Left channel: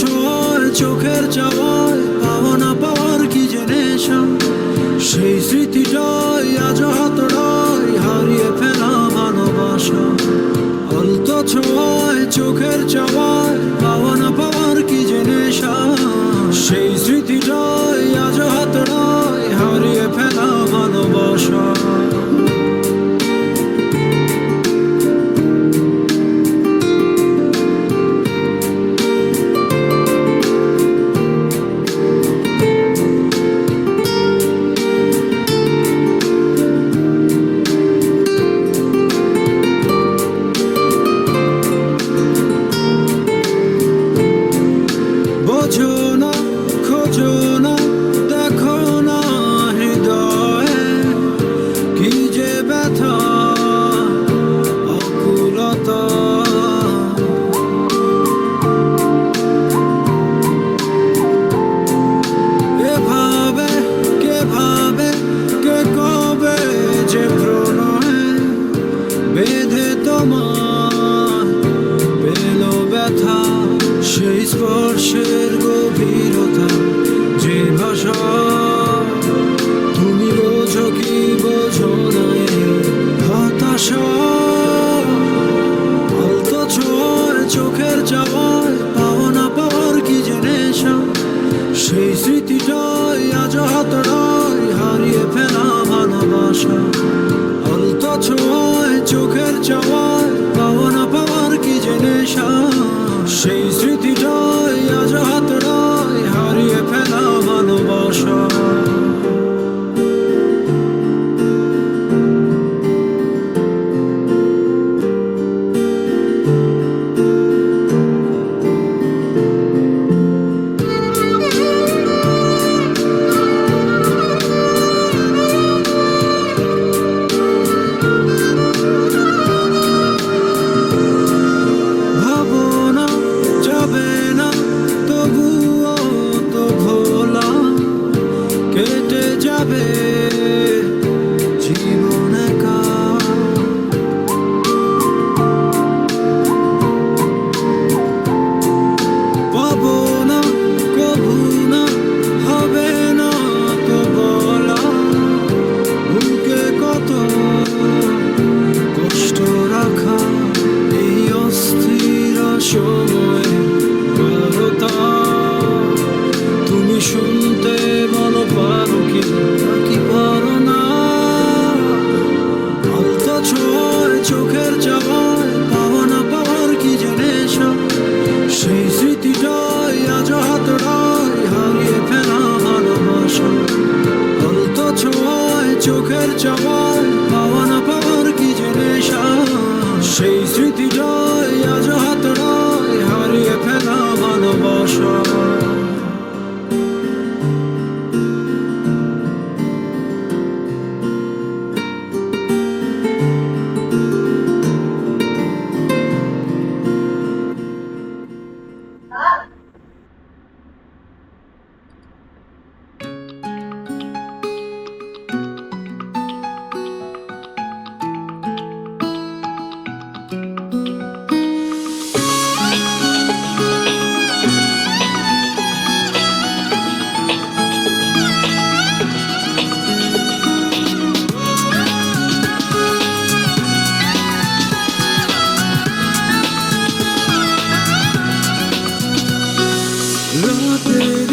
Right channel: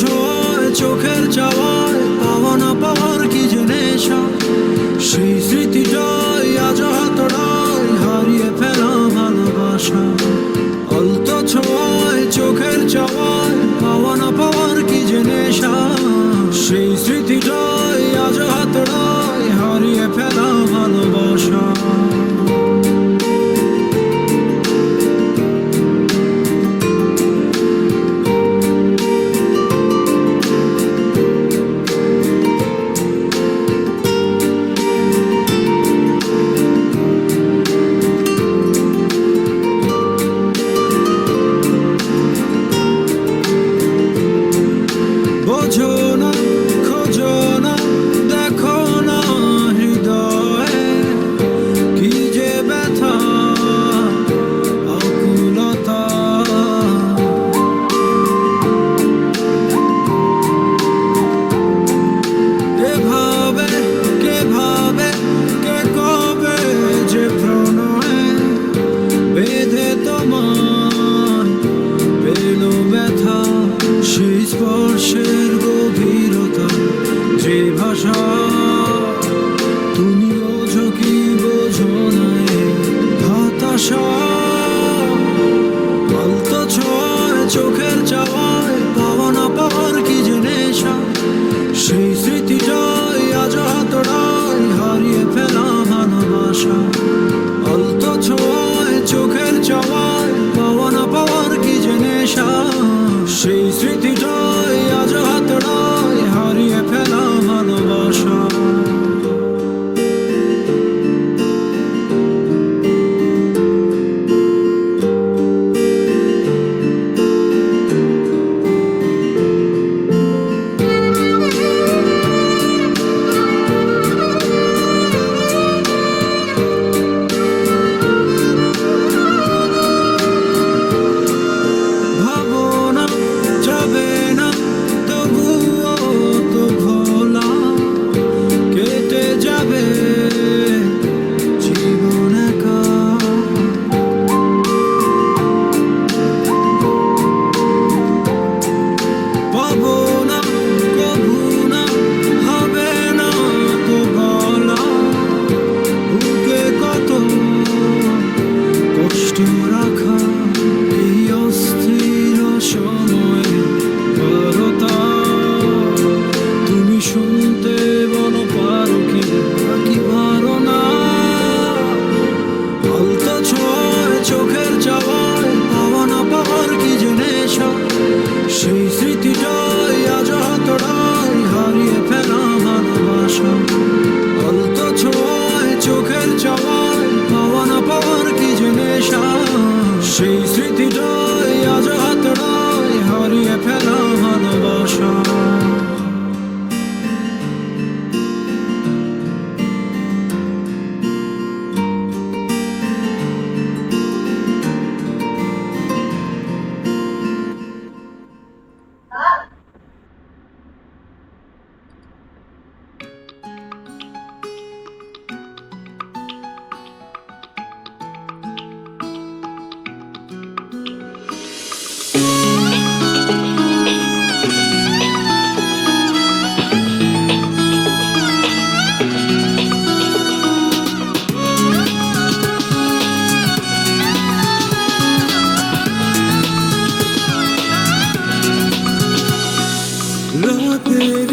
ছোঁয়ায় চোখের চাওয়ায় পাওয়া না পাওয়ার কি যে নেশা, সেই স্মৃতিটাই আজ হাতড়ায় হারিয়ে ফেলা ভালোবাসা। আলতো ছোঁয়ায় চোখের চাওয়ায় পাওয়া না পাওয়ার কি যে নেশা, সেই স্মৃতিটাই আজ হাতড়ায় হারিয়ে ফেলা ভালোবাসা। বোঝো না, খোঁজো না, দেখো না হৃদয়ে কি যে ব্যথা আকুলতা। এভাবে কে ভাবে, কে কবে যে প্রণয়ে বেঁধে তোমার পেল ব্যথা, সেই স্পর্শের গভীরতা যে ভাষা তুমি বোঝো কি বোঝো না হতাশা। আলতো ছোঁয়ায় চোখের চাওয়ায় পাওয়া না পাওয়ার কি যে নেশা, সেই স্মৃতিটাই আজ হাতড়ায় হারিয়ে ফেলা ভালোবাসা। আলতো ছোঁয়ায় চোখের চাওয়ায় পাওয়া না পাওয়ার কি যে নেশা, সেই স্মৃতিটাই আজ হাতড়ায় হারিয়ে ফেলা ভালোবাসা। ভাবনা যাবে না তবুও তো ভোলা, কেটে যাবে জীবন একা। পাবো না কভু না, হবে না তো বলা, বুকে কত কষ্ট রাখা এই অস্থির সময়ে বারতা। তুমি শুনতে বলো পারো কি নাকি পারো না, আলতো ছোঁয়ায় চোখের চাওয়ায় পাওয়া না পাওয়ার কি যে নেশা, সেই স্মৃতিটাই আজ হাতড়ায় হারিয়ে ফেলা ভালোবাসা। আলতো ছোঁয়ায় চোখের চাওয়ায় পাওয়া না পাওয়ার কি যে নেশা, সেই স্মৃতিটাই আজ হাতড়ায় হারিয়ে ফেলা ভালোবাসা। রাতের